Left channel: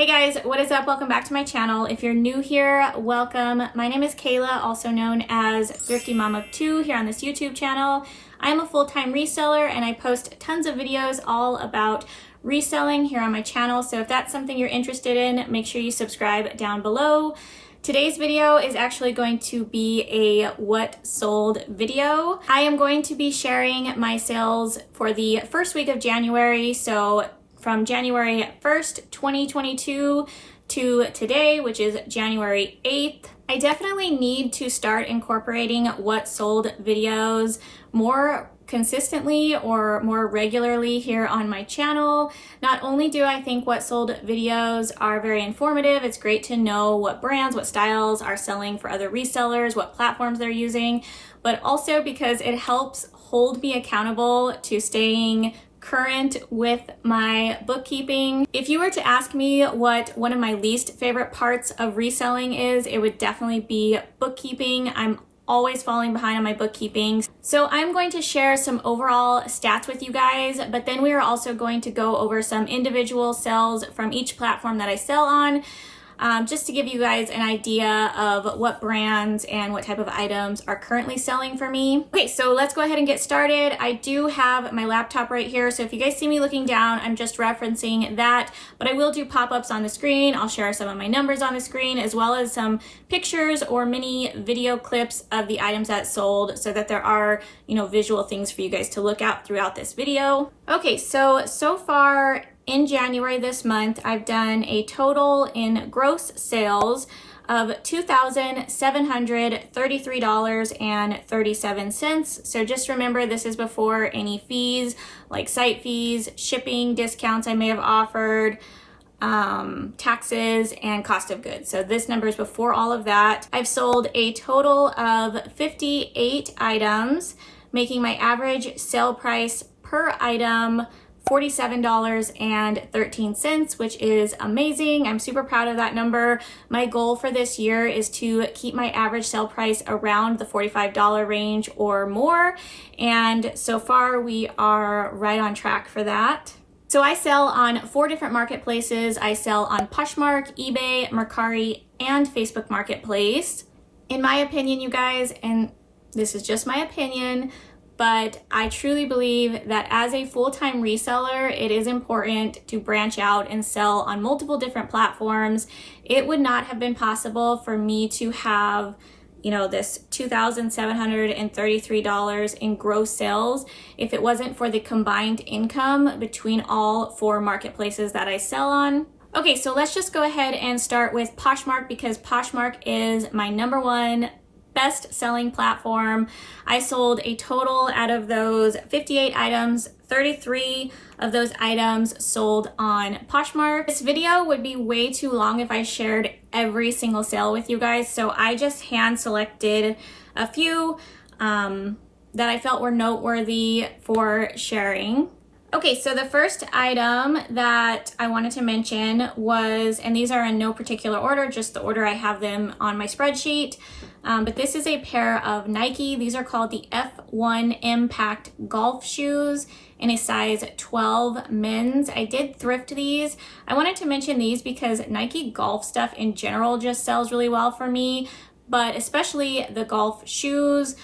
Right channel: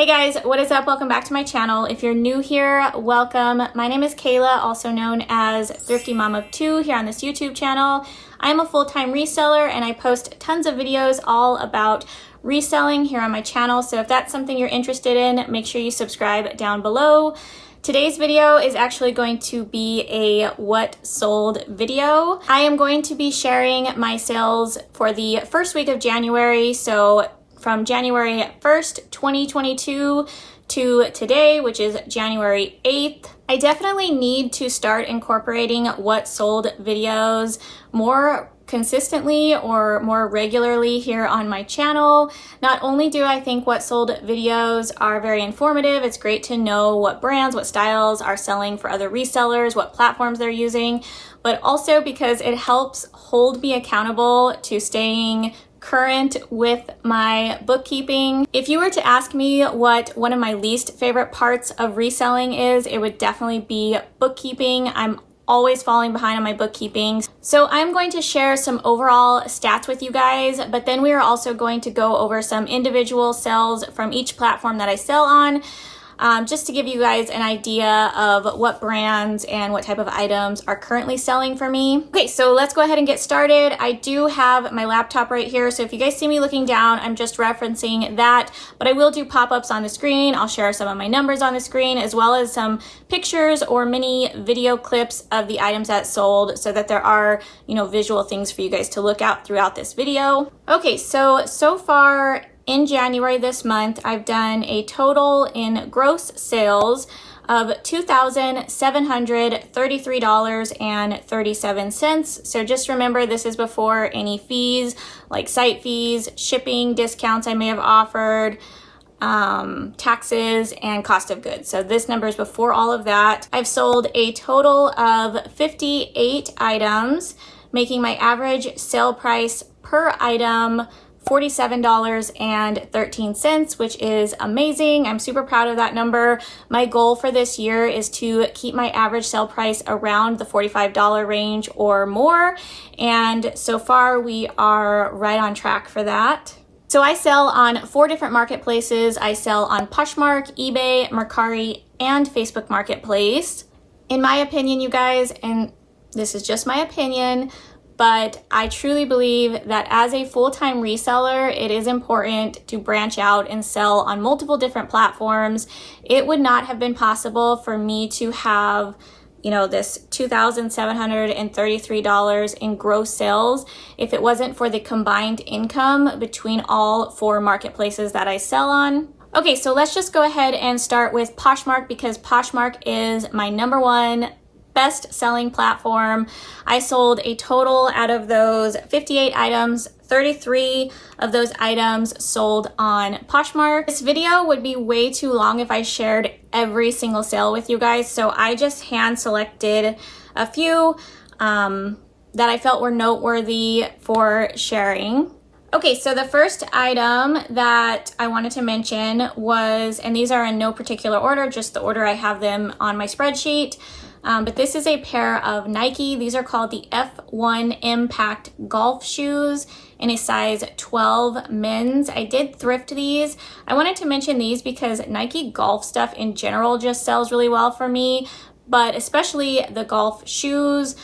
Hey guys, what is up? Welcome back to my channel. If you're new here, welcome. My name is Kayla, also known as Thrifty Mom of Two here on this YouTube channel. I'm a full-time reseller and I post tons of videos all about reselling here on my channel. So if that's something you're interested in, make sure you subscribe down below. Today's video is actually going to be a what sold video. I am going to be sharing my sales for the first week of January. So from January 1st, 2022 to today, which is January 8th. I definitely need to start incorporating what sold videos more consistently or more regularly here on my channel. Not only do I think what sold videos are very informative, it's great to know what brands, what styles are selling for other resellers, what platforms they're using, but also because it helps hold me accountable to staying current with my bookkeeping. If you were to ask me what one of my least favorite parts of reselling is, it would definitely be bookkeeping. I'm always falling behind on my bookkeeping. So I'm going to share some overall stats with you guys, but then we are also going to go over some individual sales from each platform that I sell on. Just to give you guys an idea of what brands and what type of items are currently selling for me. Okay, so let's go ahead and get started. I do have my laptop right here, so if you guys see me looking down, I'm just referencing that, but I will do pop-ups on the screen. I'll share some of my numbers on the screen, as well as some pictures or mini video clips of the items that sold, so that there are, visual things for you guys to look at throughout this video. Okay, so far, in January this month, I've done a total in gross sales of $2,733.37. So just remember, this is before any fees like site fees, shipping, discounts I may have offered, taxes, and cost of goods. So this number is before all of that. I've sold a total of 58 items, making my average sale price per item $47.13, which is amazing. I'm super proud of that number. My goal for this year is to keep my average sale price around the $45 range or more. And so far we are right on track for that. So I sell on 4 different marketplaces. I sell on Poshmark, eBay, Mercari, and Facebook Marketplace. In my opinion, you guys, and this is just my opinion, but I truly believe that as a full-time reseller, it is important to branch out and sell on multiple different platforms. It would not have been possible for me to have, this $2,733 in gross sales if it wasn't for the combined income between all 4 marketplaces that I sell on. Okay, so let's just go ahead and start with Poshmark, because Poshmark is my #1 best-selling platform. I sold a total out of those 58 items, 33 of those items sold on Poshmark. This video would be way too long if I shared every single sale with you guys, so I just hand-selected a few that I felt were noteworthy for sharing. Okay, so the first item that I wanted to mention was, and these are in no particular order, just the order I have them on my spreadsheet, but this is a pair of Nike. These are called the F1 Impact golf shoes in a size 12 men's. I did thrift these. I wanted to mention these because Nike golf stuff in general just sells really well for me, but especially the golf shoes.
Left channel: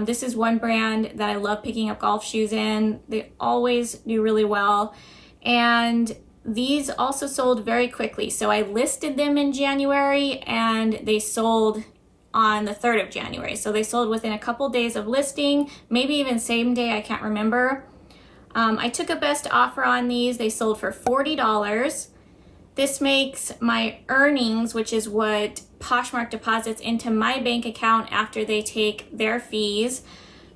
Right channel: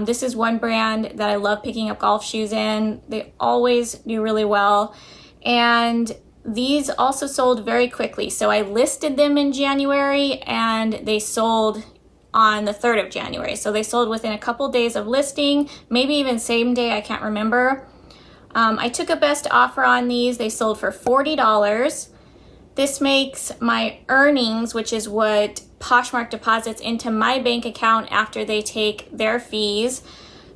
This is one brand that I love picking up golf shoes in. They always do really well. And these also sold very quickly. So I listed them in January and they sold on the 3rd of January. So they sold within a couple days of listing, maybe even same day, I can't remember. I took a best offer on these. They sold for $40. This makes my earnings, which is what Poshmark deposits into my bank account after they take their fees.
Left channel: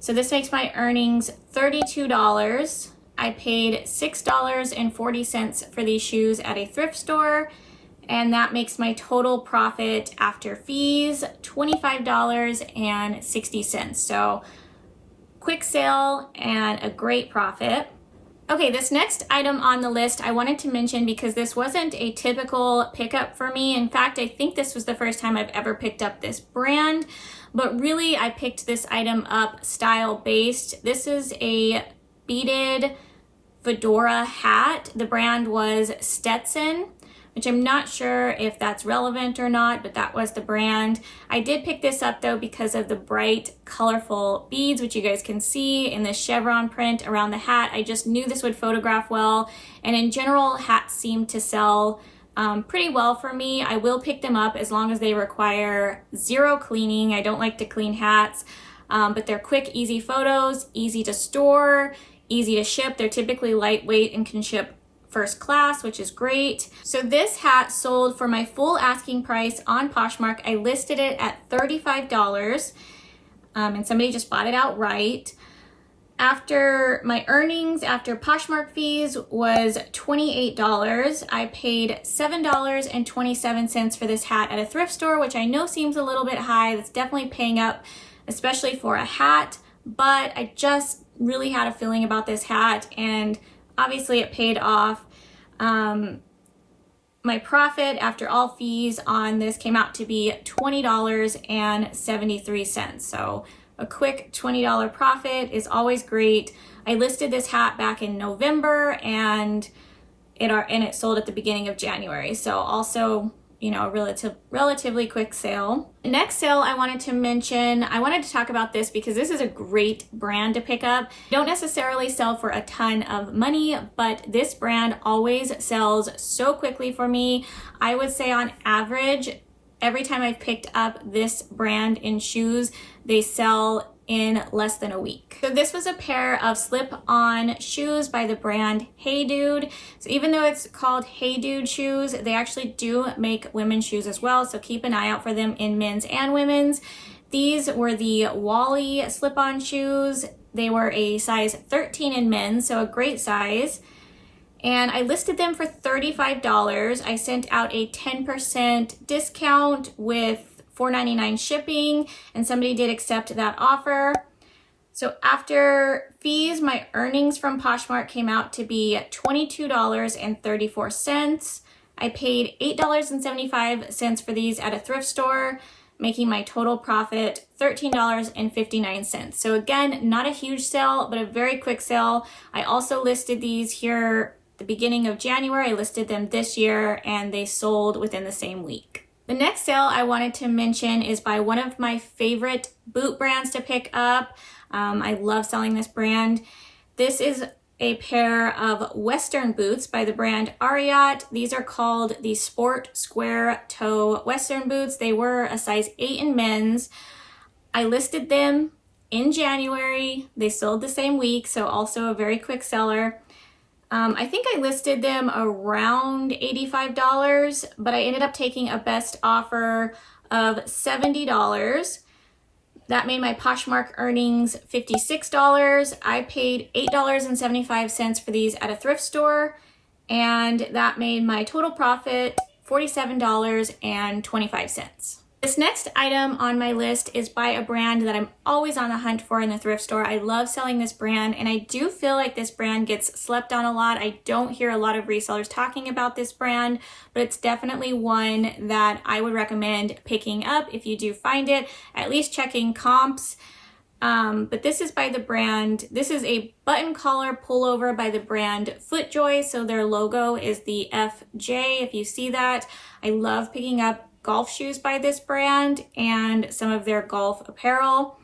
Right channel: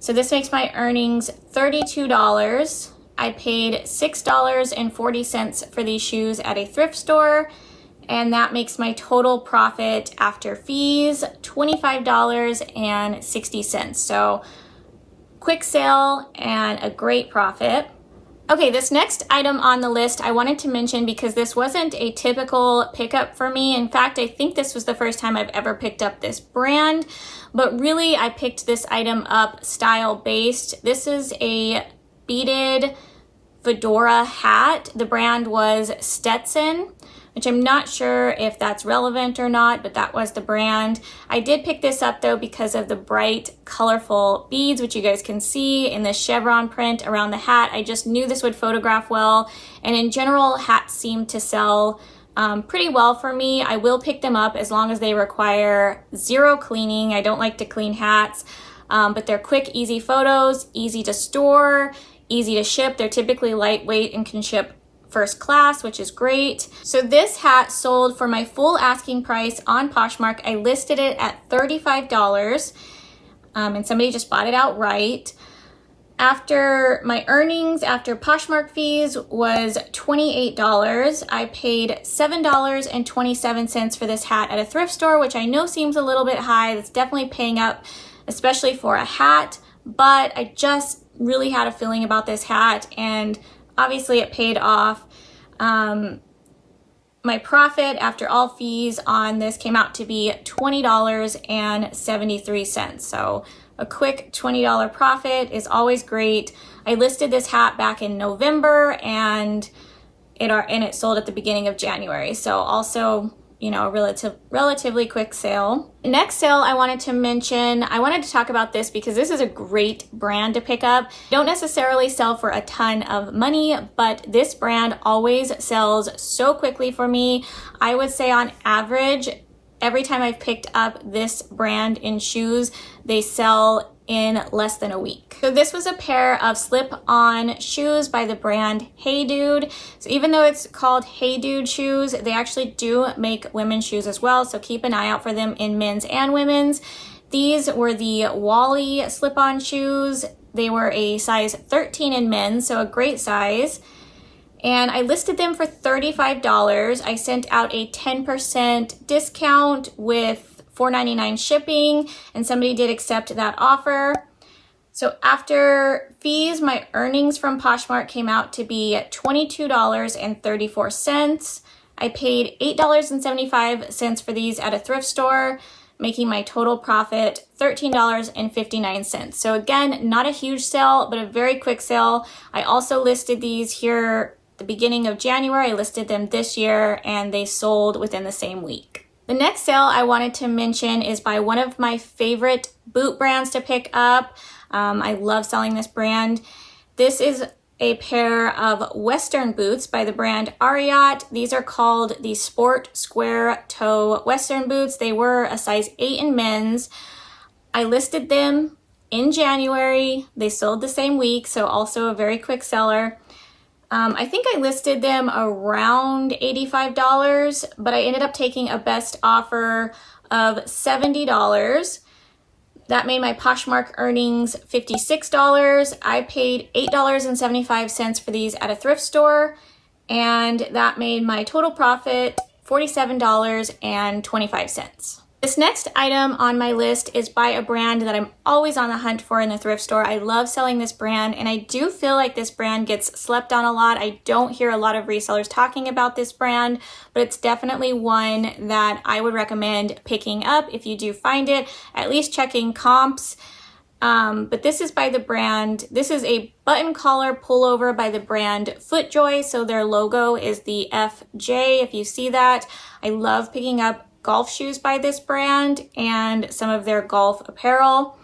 So this makes my earnings $32. I paid $6.40 for these shoes at a thrift store, and that makes my total profit after fees $25.60. So quick sale and a great profit. Okay, this next item on the list I wanted to mention because this wasn't a typical pickup for me. In fact, I think this was the first time I've ever picked up this brand, but really I picked this item up style-based. This is a beaded fedora hat. The brand was Stetson. which I'm not sure if that's relevant or not, but that was the brand. I did pick this up though because of the bright, colorful beads, which you guys can see in the chevron print around the hat. I just knew this would photograph well, and in general, hats seem to sell pretty well for me. I will pick them up as long as they require zero cleaning. I don't like to clean hats, but they're quick, easy photos, easy to store, easy to ship. They're typically lightweight and can ship first class, which is great. So this hat sold for my full asking price on Poshmark. I listed it at $35, and somebody just bought it outright. After my earnings, after Poshmark fees, was $28. I paid $7.27 for this hat at a thrift store, which I know seems a little bit high. That's definitely paying up, especially for a hat, but I just really had a feeling about this hat, and obviously it paid off. My profit after all fees on this came out to be $20.73. So a quick $20 profit is always great. I listed this hat back in November, and it sold at the beginning of January. So also, you know, a relatively quick sale. Next sale I wanted to mention, I wanted to talk about this because this is a great brand to pick up. Don't necessarily sell for a ton of money, but this brand always sells so quickly for me. I would say on average, every time I've picked up this brand in shoes, they sell in less than a week. So this was a pair of slip-on shoes by the brand Hey Dude. So even though it's called Hey Dude shoes, they actually do make women's shoes as well. So keep an eye out for them in men's and women's. These were the Wally slip-on shoes. They were a size 13 in men's, so a great size. And I listed them for $35. I sent out a 10% discount with $4.99 shipping, and somebody did accept that offer. So after fees, my earnings from Poshmark came out to be $22.34. I paid $8.75 for these at a thrift store, making my total profit $13.59. So again, not a huge sale, but a very quick sale. I also listed these here the beginning of January. I listed them this year, and they sold within the same week. The next sale I wanted to mention is by one of my favorite boot brands to pick up. I love selling this brand. This is a pair of Western boots by the brand Ariat. These are called the Sport Square Toe Western boots. They were a size 8 in men's. I listed them in January. They sold the same week, so also a very quick seller. I think I listed them around $85, but I ended up taking a best offer of $70. That made my Poshmark earnings $56. I paid $8.75 for these at a thrift store, and that made my total profit $47.25. This next item on my list is by a brand that I'm always on the hunt for in the thrift store. I love selling this brand, and I do feel like this brand gets slept on a lot. I don't hear a lot of resellers talking about this brand, but it's definitely one that I would recommend picking up if you do find it, at least checking comps. But this is by the brand, this is a button collar pullover by the brand FootJoy. So their logo is the FJ, if you see that. I love picking up golf shoes by this brand and some of their golf apparel.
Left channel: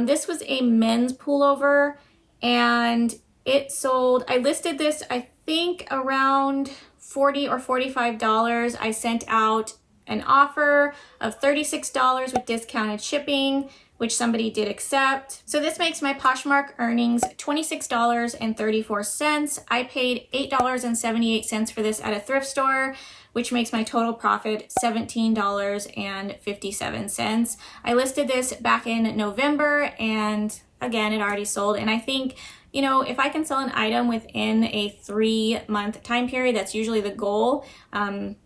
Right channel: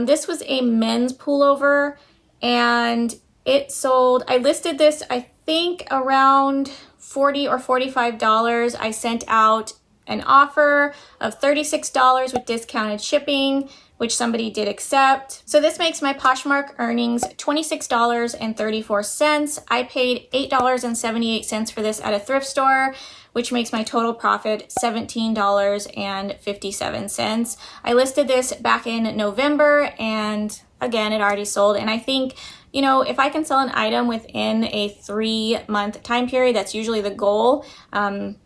This was a men's pullover, and it sold, I listed this I think around $40 or $45. I sent out an offer of $36 with discounted shipping, which somebody did accept. So this makes my Poshmark earnings $26.34. I paid $8.78 for this at a thrift store, which makes my total profit $17.57. I listed this back in November, and again, it already sold. And I think, you know, if I can sell an item within a 3-month time period, that's usually the goal.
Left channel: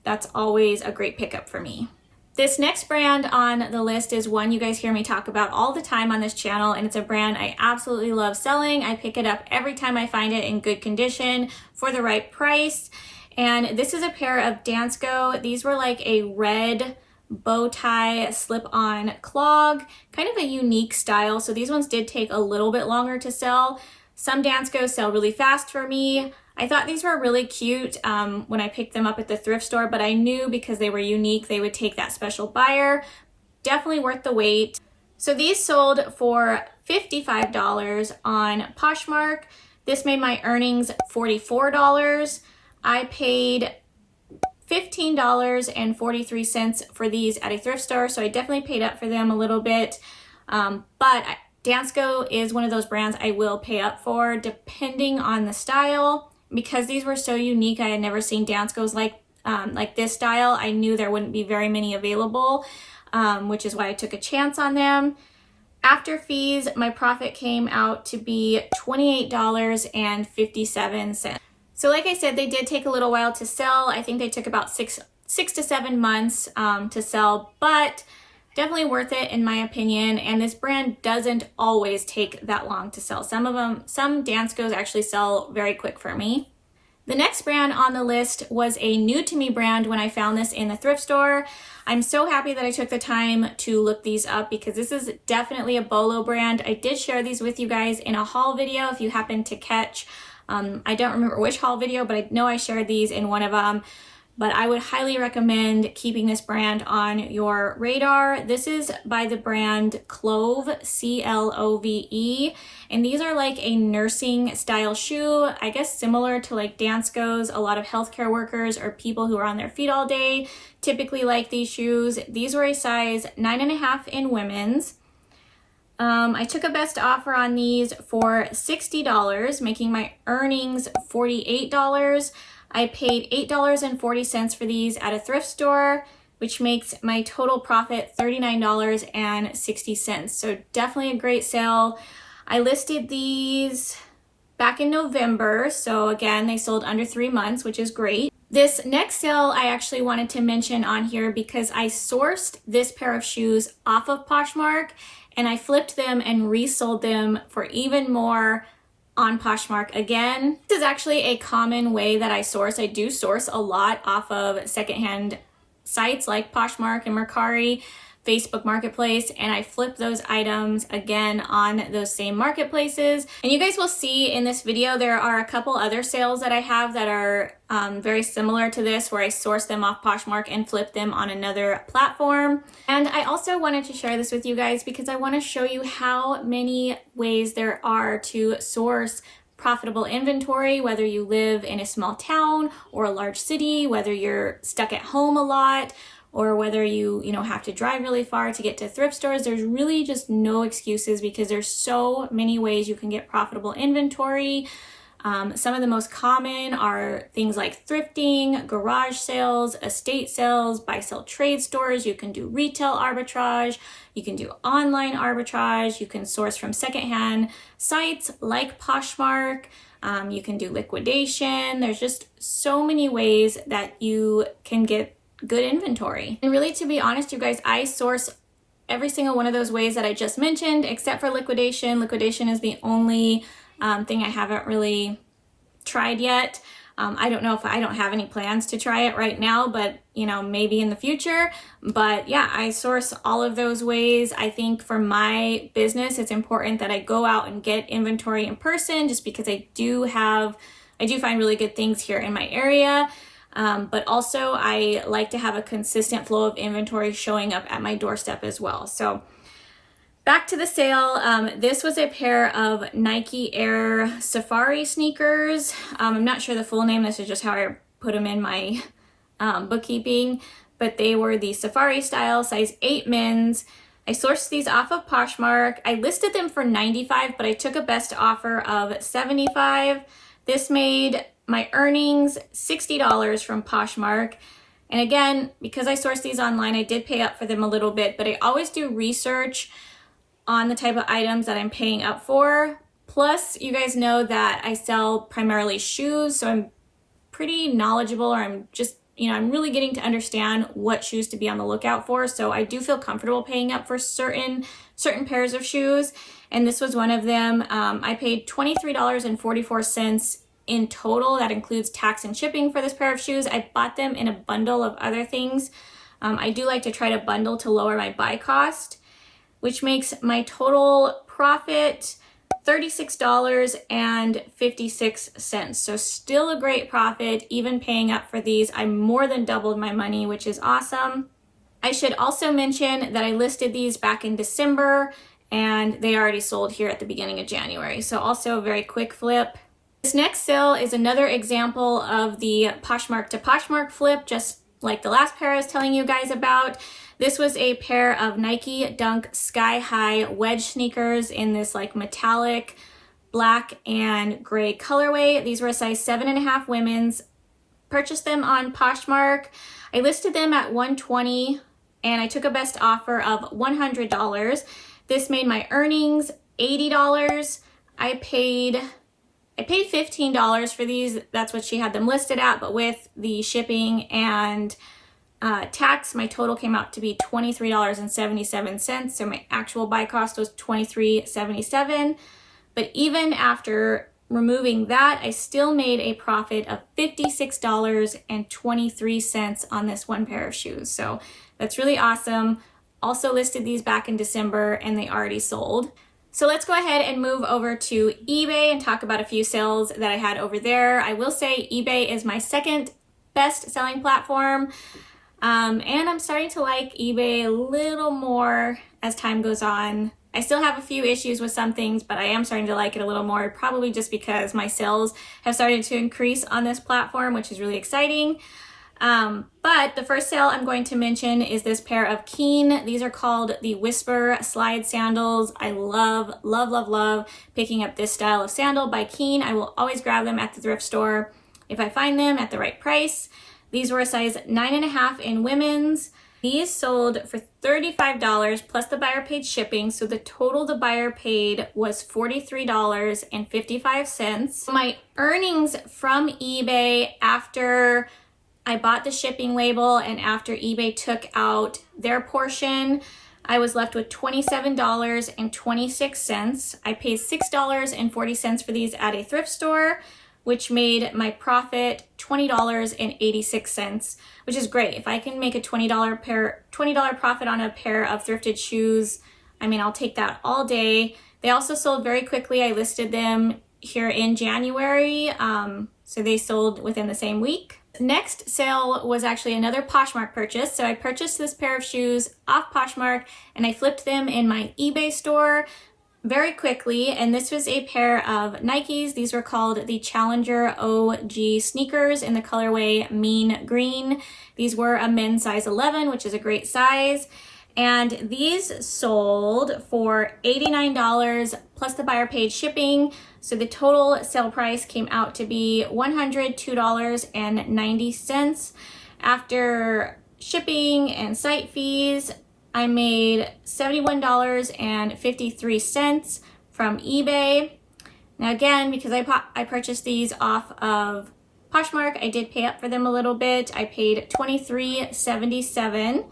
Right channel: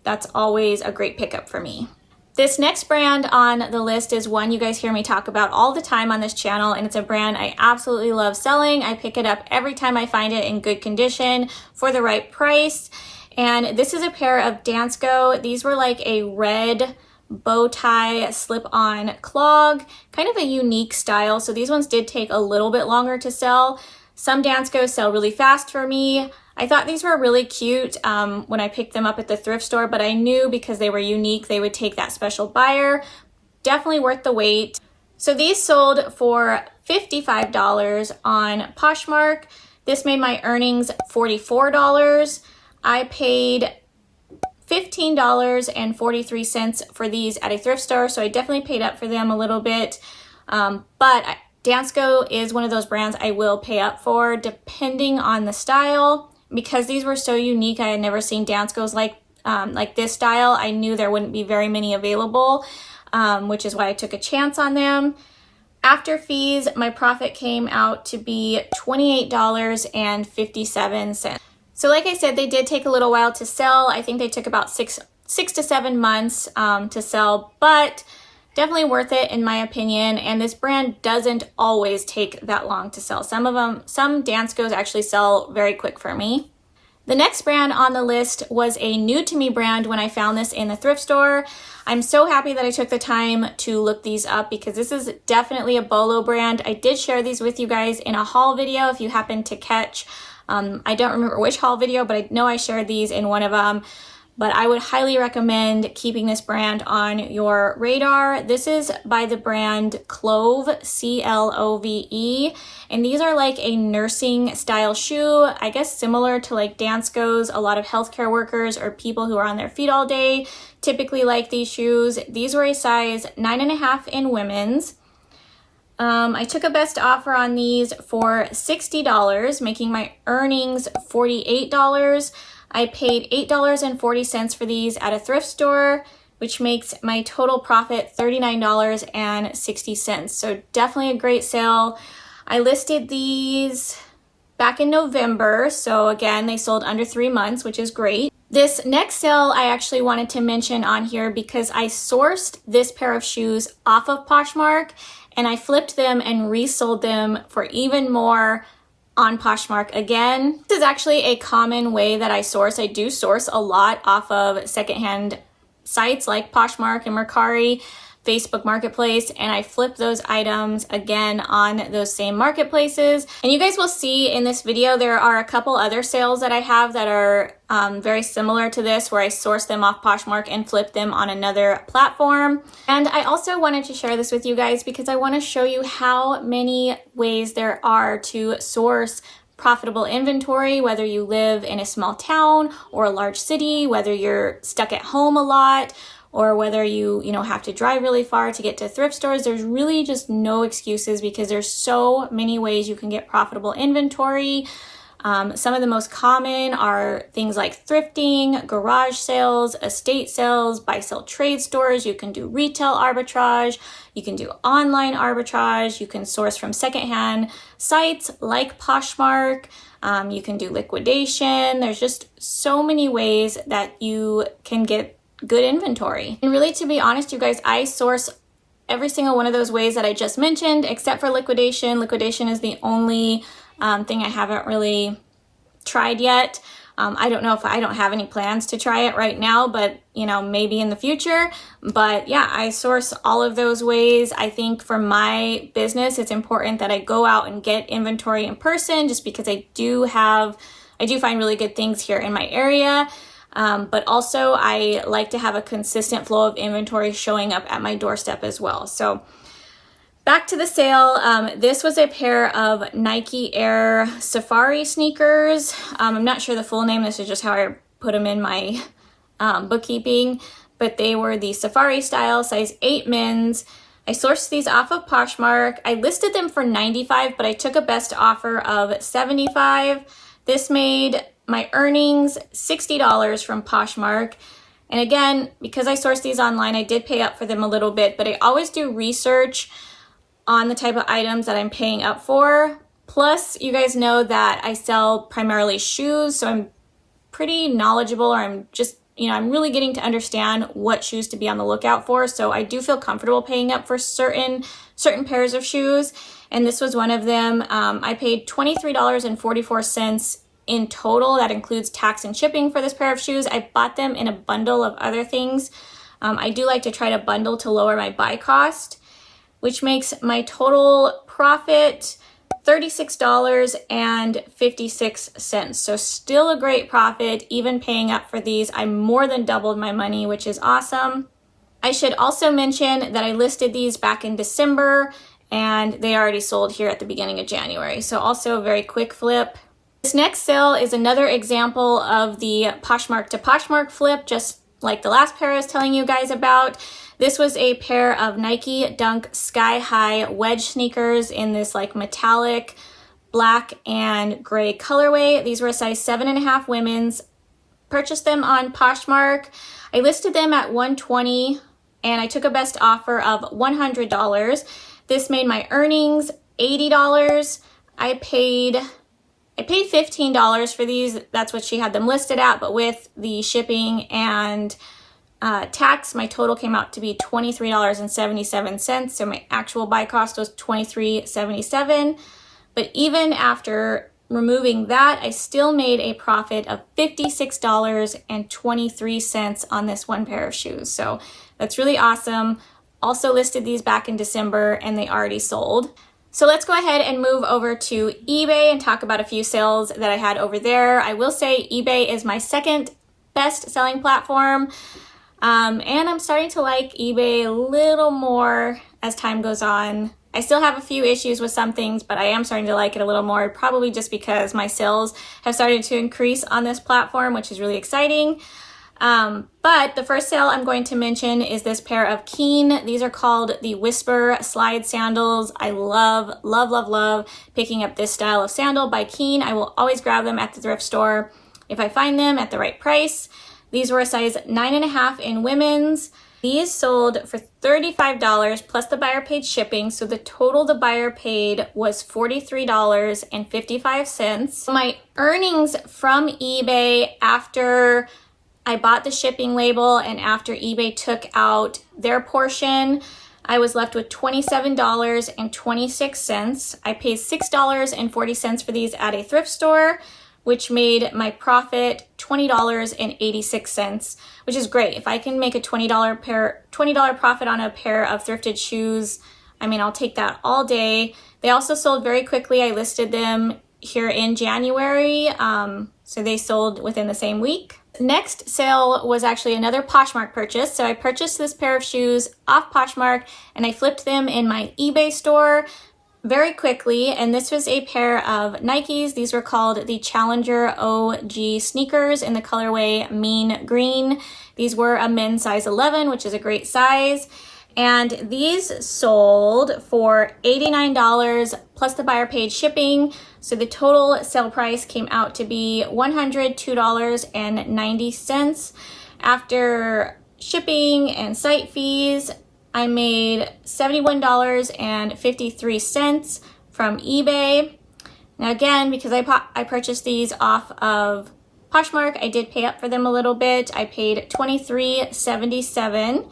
That's always a great pickup for me. This next brand on the list is one you guys hear me talk about all the time on this channel, and it's a brand I absolutely love selling. I pick it up every time I find it in good condition for the right price. And this is a pair of Dansko. These were like a red bow tie slip-on clog, kind of a unique style. So these ones did take a little bit longer to sell. Some Danskos sell really fast for me. I thought these were really cute when I picked them up at the thrift store, but I knew because they were unique, they would take that special buyer. Definitely worth the wait. So these sold for $55 on Poshmark. This made my earnings $44. I paid $15.43 for these at a thrift store, so I definitely paid up for them a little bit. But Dansko is one of those brands I will pay up for depending on the style. Because these were so unique, I had never seen Danskos like this style. I knew there wouldn't be very many available, which is why I took a chance on them. After fees, my profit came out to be $28.57. So like I said, they did take a little while to sell. I think they took about six to 7 months to sell, but definitely worth it in my opinion. And this brand doesn't always take that long to sell. Some Danskos actually sell very quick for me. The next brand on the list was a new to me brand when I found this in the thrift store. I'm so happy that I took the time to look these up because this is definitely a Bolo brand. I did share these with you guys in a haul video if you happen to catch. I don't remember which haul video, but I know I shared these in one of them. But I would highly recommend keeping this brand on your radar. This is by the brand Clove, C-L-O-V-E. And these are like a nursing style shoe, I guess similar to like Dansko's. A lot of healthcare workers or people who are on their feet all day typically like these shoes. These were a size 9.5 in women's. I took a best offer on these for $60, making my earnings $48. I paid $8.40 for these at a thrift store, which makes my total profit $39.60. So definitely a great sale. I listed these back in November. So again, they sold under 3 months, which is great. This next sale I actually wanted to mention on here because I sourced this pair of shoes off of Poshmark and I flipped them and resold them for even more on Poshmark. Again, this is actually a common way that I source. I do source a lot off of secondhand sites like Poshmark and Mercari, Facebook Marketplace, and I flip those items again on those same marketplaces. And you guys will see in this video, there are a couple other sales that I have that are very similar to this, where I source them off Poshmark and flip them on another platform. And I also wanted to share this with you guys because I want to show you how many ways there are to source profitable inventory, whether you live in a small town or a large city, whether you're stuck at home a lot, or whether you have to drive really far to get to thrift stores. There's really just no excuses because there's so many ways you can get profitable inventory. Some of the most common are things like thrifting, garage sales, estate sales, buy-sell trade stores. You can do retail arbitrage. You can do online arbitrage. You can source from secondhand sites like Poshmark. You can do liquidation. There's just so many ways that you can get good inventory. And really, to be honest, you guys, I source every single one of those ways that I just mentioned, except for liquidation. Liquidation is the only thing I haven't really tried yet. I don't know if I don't have any plans to try it right now, but maybe in the future. But yeah, I source all of those ways. I think for my business, it's important that I go out and get inventory in person, just because I do find really good things here in my area. But also I like to have a consistent flow of inventory showing up at my doorstep as well. So back to the sale. This was a pair of Nike Air Safari sneakers. I'm not sure the full name. This is just how I put them in my bookkeeping, but they were the Safari style, size 8 men's. I sourced these off of Poshmark. I listed them for $95, but I took a best offer of $75. This made my earnings $60 from Poshmark. And again, because I sourced these online, I did pay up for them a little bit, but I always do research on the type of items that I'm paying up for. Plus, you guys know that I sell primarily shoes, so I'm pretty knowledgeable, or I'm just, I'm really getting to understand what shoes to be on the lookout for. So I do feel comfortable paying up for certain pairs of shoes. And this was one of them. I paid $23.44 in total. That includes tax and shipping for this pair of shoes. I bought them in a bundle of other things. I do like to try to bundle to lower my buy cost, which makes my total profit $36.56. So still a great profit, even paying up for these. I more than doubled my money, which is awesome. I should also mention that I listed these back in December and they already sold here at the beginning of January. So also a very quick flip. This next sale is another example of the Poshmark to Poshmark flip, just like the last pair I was telling you guys about. This was a pair of Nike Dunk Sky High wedge sneakers in this like metallic black and gray colorway. These were a size 7.5 women's. Purchased them on Poshmark. I listed them at $120 and I took a best offer of $100. This made my earnings $80. I paid $15 for these. That's what she had them listed at, but with the shipping and tax, my total came out to be $23.77. So my actual buy cost was $23.77. But even after removing that, I still made a profit of $56.23 on this one pair of shoes. So that's really awesome. Also listed these back in December and they already sold. So let's go ahead and move over to eBay and talk about a few sales that I had over there. I will say eBay is my second best selling platform. And I'm starting to like eBay a little more as time goes on. I still have a few issues with some things, but I am starting to like it a little more, probably just because my sales have started to increase on this platform, which is really exciting. But the first sale I'm going to mention is this pair of Keen. These are called the Whisper Slide Sandals. I love, love, love, love picking up this style of sandal by Keen. I will always grab them at the thrift store if I find them at the right price. These were a size 9.5 in women's. These sold for $35 plus the buyer paid shipping. So the total the buyer paid was $43.55. My earnings from eBay after I bought the shipping label and after eBay took out their portion, I was left with $27.26. I paid $6.40 for these at a thrift store, which made my profit $20.86, which is great. If I can make a $20 profit on a pair of thrifted shoes, I mean, I'll take that all day. They also sold very quickly. I listed them here in January, so they sold within the same week. Next sale was actually another Poshmark purchase. So I purchased this pair of shoes off Poshmark and I flipped them in my eBay store very quickly, and this was a pair of Nikes. These were called the Challenger OG sneakers in the colorway Mean Green. These were a men's size 11, which is a great size, and these sold for $89 plus the buyer paid shipping. So the total sale price came out to be $102.90. After shipping and site fees, I made $71.53 from eBay. Now again, because I purchased these off of Poshmark, I did pay up for them a little bit. I paid $23.77.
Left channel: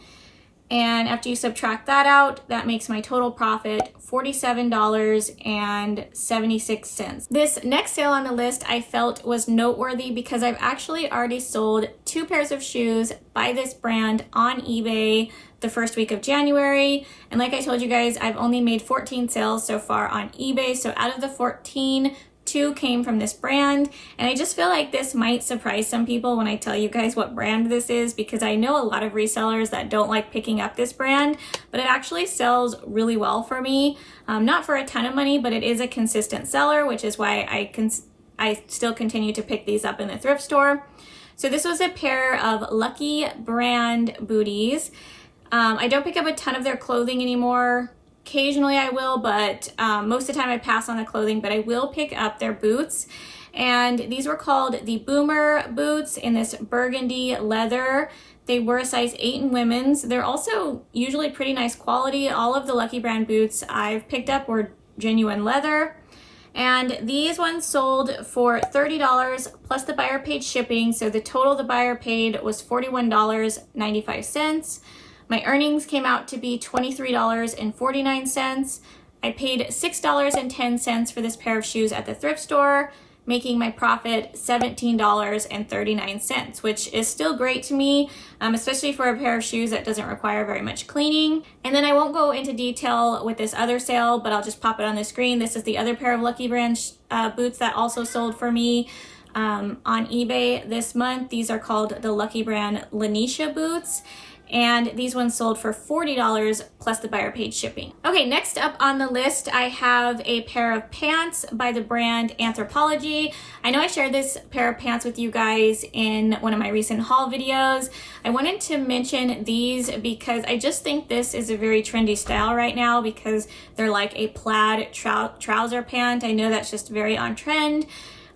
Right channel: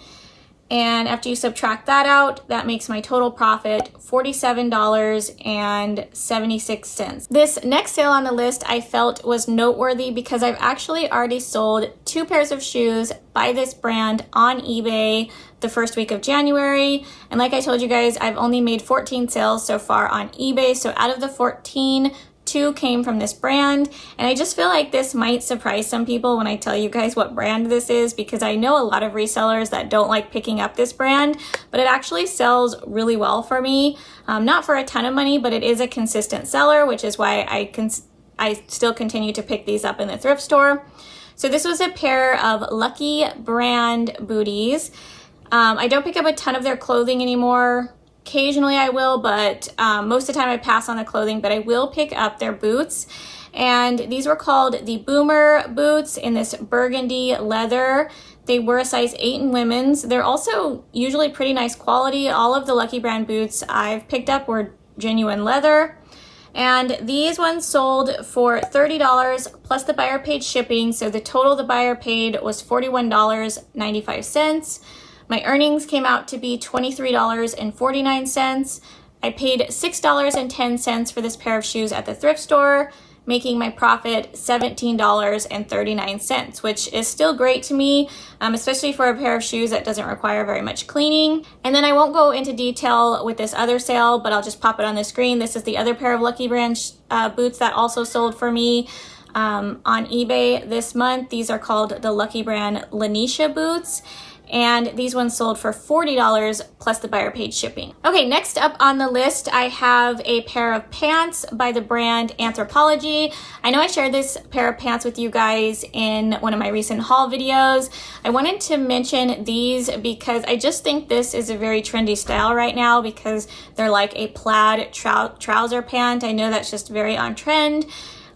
And after you subtract that out, that makes my total profit $47.76. This next sale on the list I felt was noteworthy because I've actually already sold 2 pairs of shoes by this brand on eBay the first week of January. And like I told you guys, I've only made 14 sales so far on eBay. So out of the 14, 2 came from this brand, and I just feel like this might surprise some people when I tell you guys what brand this is, because I know a lot of resellers that don't like picking up this brand, but it actually sells really well for me. Not for a ton of money, but it is a consistent seller, which is why I still continue to pick these up in the thrift store. So this was a pair of Lucky brand booties. I don't pick up a ton of their clothing anymore. Occasionally I will, but most of the time I pass on the clothing, but I will pick up their boots. And these were called the Boomer boots in this burgundy leather. They were a size 8 in women's. They're also usually pretty nice quality. All of the Lucky brand boots I've picked up were genuine leather. And these ones sold for $30 plus the buyer paid shipping. So the total the buyer paid was $41.95. My earnings came out to be $23.49. I paid $6.10 for this pair of shoes at the thrift store, making my profit $17.39, which is still great to me, especially for a pair of shoes that doesn't require very much cleaning. And then I won't go into detail with this other sale, but I'll just pop it on the screen. This is the other pair of Lucky Brand boots that also sold for me on eBay this month. These are called the Lucky Brand Lanisha boots, and these ones sold for $40 plus the buyer paid shipping. Okay, next up on the list, I have a pair of pants by the brand Anthropologie. I know I shared this pair of pants with you guys in one of my recent haul videos. I wanted to mention these because I just think this is a very trendy style right now, because they're like a plaid trouser pant. I know that's just very on trend.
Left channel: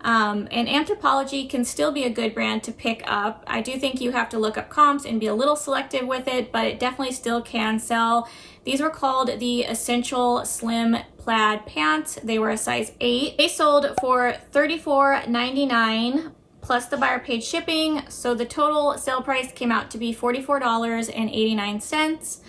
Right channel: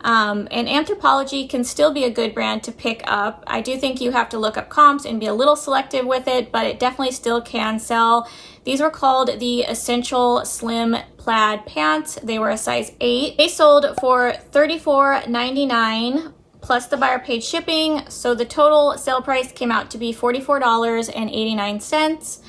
And Anthropologie can still be a good brand to pick up. I do think you have to look up comps and be a little selective with it, but it definitely still can sell. These were called the Essential Slim Plaid Pants. They were a size 8. They sold for $34.99 plus the buyer paid shipping. So the total sale price came out to be $44.89.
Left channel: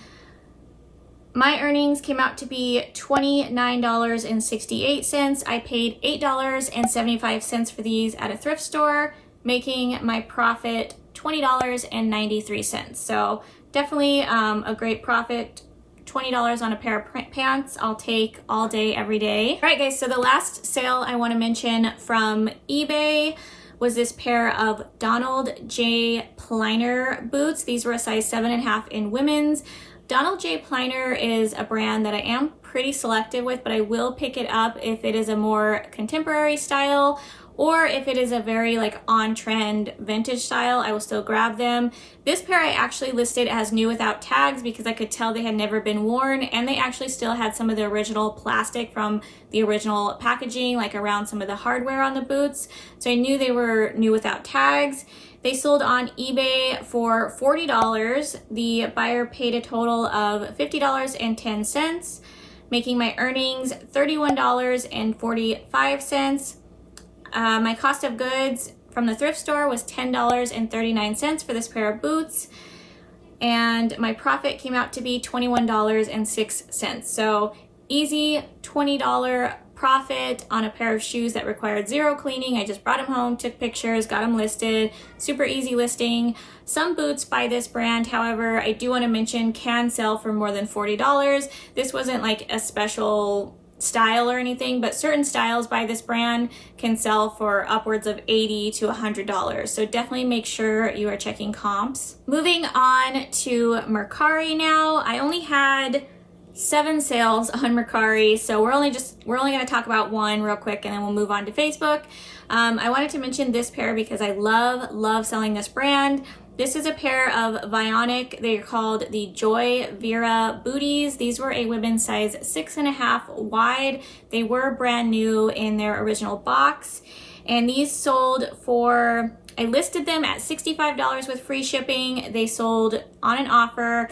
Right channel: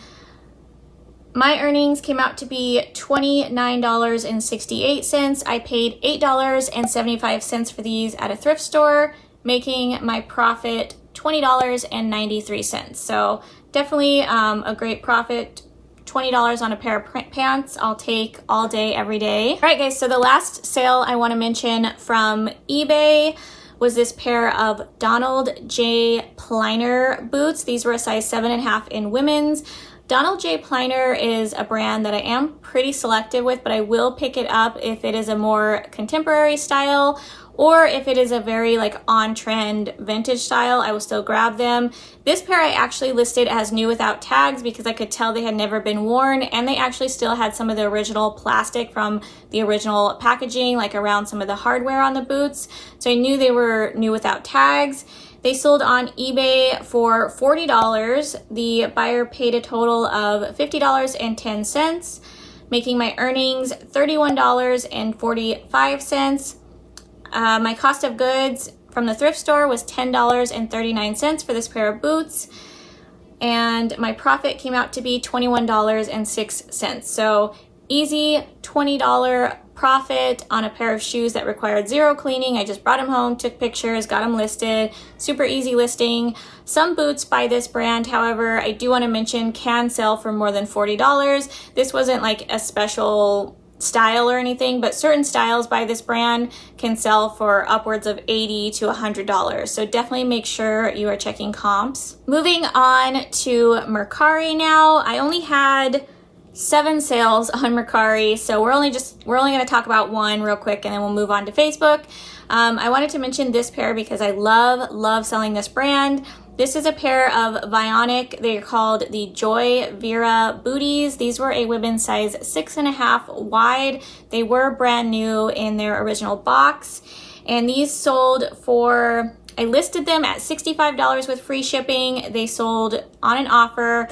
My earnings came out to be $29.68. I paid $8.75 for these at a thrift store, making my profit $20.93. So definitely a great profit. $20 on a pair of pants, I'll take all day, every day. All right, guys, so the last sale I want to mention from eBay was this pair of Donald J. Pliner boots. These were a size 7.5 in women's. Donald J. Pliner is a brand that I am pretty selective with, but I will pick it up if it is a more contemporary style, or if it is a very like on-trend vintage style, I will still grab them. This pair I actually listed as new without tags because I could tell they had never been worn, and they actually still had some of the original plastic from the original packaging, like around some of the hardware on the boots. So I knew they were new without tags. They sold on eBay for $40. The buyer paid a total of $50.10, making my earnings $31.45. My cost of goods from the thrift store was $10.39 for this pair of boots, and my profit came out to be $21.06. So easy $20 profit on a pair of shoes that required zero cleaning. I just brought them home, took pictures, got them listed. Super easy listing. Some boots by this brand, however, I do want to mention, can sell for more than $40. This wasn't like a special style or anything, but certain styles by this brand can sell for upwards of $80 to $100. So definitely make sure you are checking comps. Moving on to Mercari now. I only had 7 sales on Mercari, so we're only going to talk about one real quick, and then we'll move on to Facebook. I wanted to mention this pair because I love selling this brand. This is a pair of Vionic. They're called the Joy Vera booties. These were a women's size 6.5 wide. They were brand new in their original box, and these sold for, I listed them at $65 with free shipping. They sold on an offer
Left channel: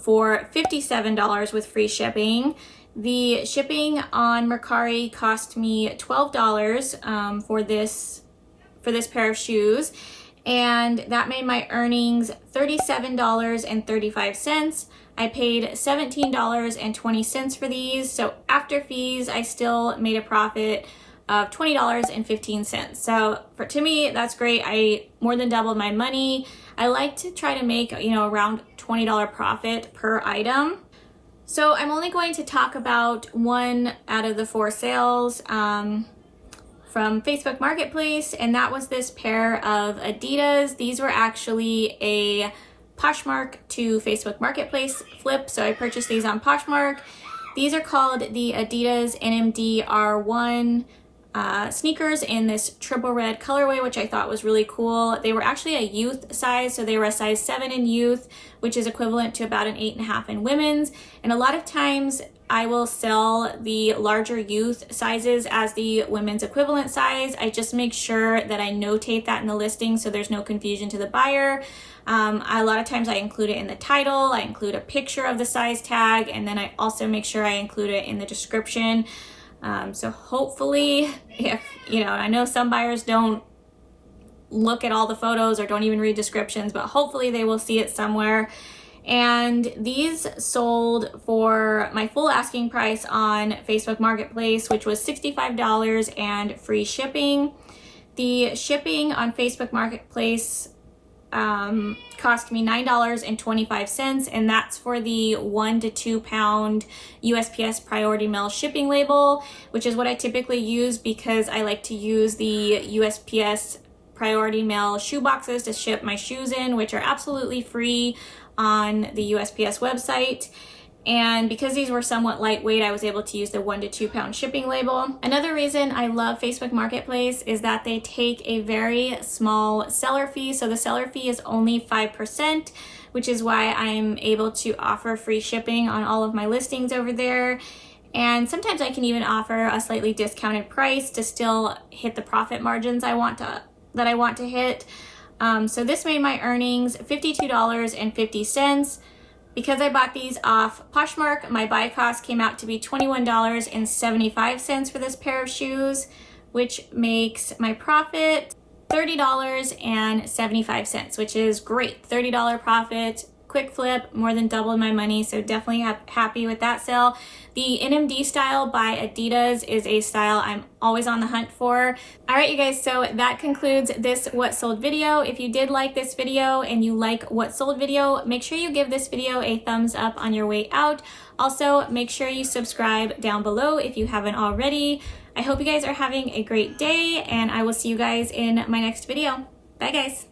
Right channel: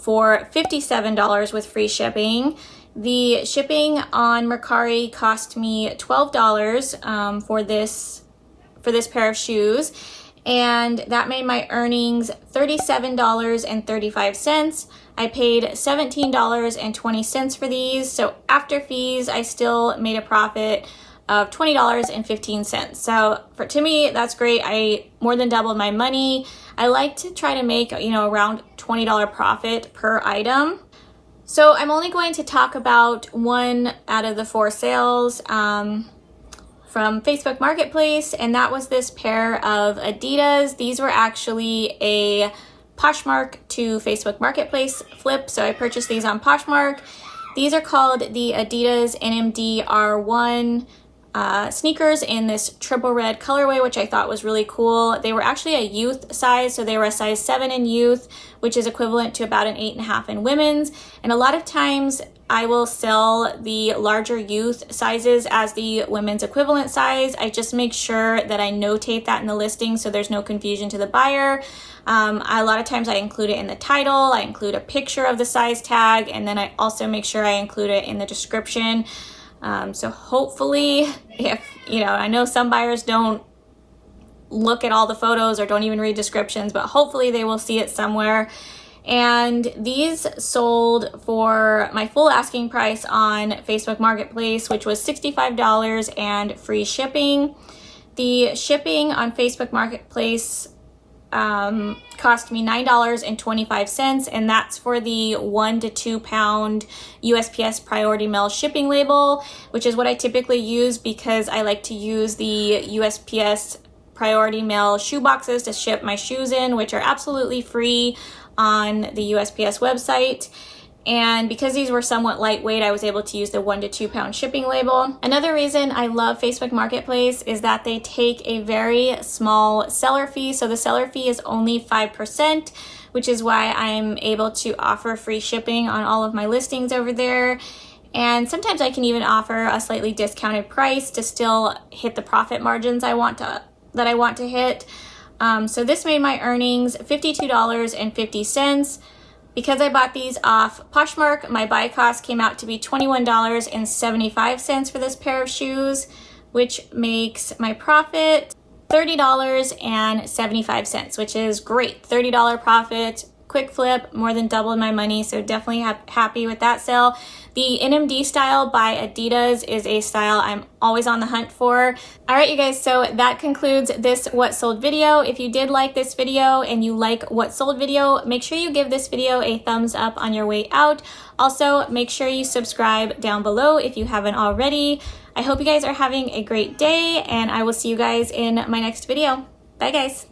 for $57 with free shipping. The shipping on Mercari cost me $12 for this pair of shoes, and that made my earnings $37.35. I paid $17.20 for these, so after fees I still made a profit of $20.15. So to me, that's great. I more than doubled my money. I like to try to make, around $20 profit per item. So I'm only going to talk about one out of the 4 sales from Facebook Marketplace, and that was this pair of Adidas. These were actually a Poshmark to Facebook Marketplace flip, so I purchased these on Poshmark. These are called the Adidas NMD R1 sneakers in this triple red colorway, which I thought was really cool. They were actually a youth size, so they were a size 7 in youth, which is equivalent to about an 8.5 in women's. And a lot of times I will sell the larger youth sizes as the women's equivalent size. I just make sure that I notate that in the listing so there's no confusion to the buyer. A lot of times I include it in the title, I include a picture of the size tag, and then I also make sure I include it in the description. So hopefully, if, I know some buyers don't look at all the photos or don't even read descriptions, but hopefully they will see it somewhere. And these sold for my full asking price on Facebook Marketplace, which was $65 and free shipping. The shipping on Facebook Marketplace cost me $9.25, and that's for the 1 to 2 pound USPS Priority Mail shipping label, which is what I typically use because I like to use the USPS Priority Mail shoe boxes to ship my shoes in, which are absolutely free on the USPS website. And because these were somewhat lightweight, I was able to use the 1 to 2 pound shipping label. Another reason I love Facebook Marketplace is that they take a very small seller fee. So the seller fee is only 5%, which is why I'm able to offer free shipping on all of my listings over there. And sometimes I can even offer a slightly discounted price to still hit the profit margins that I want to hit. So this made my earnings $52.50. Because I bought these off Poshmark, my buy cost came out to be $21.75 for this pair of shoes, which makes my profit $30.75, which is great. $30 profit, quick flip, more than doubled my money, so definitely happy with that sale. The NMD style by Adidas is a style I'm always on the hunt for. All right, you guys, so that concludes this What Sold video. If you did like this video and you like What Sold video, make sure you give this video a thumbs up on your way out. Also, make sure you subscribe down below if you haven't already. I hope you guys are having a great day, and I will see you guys in my next video. Bye, guys.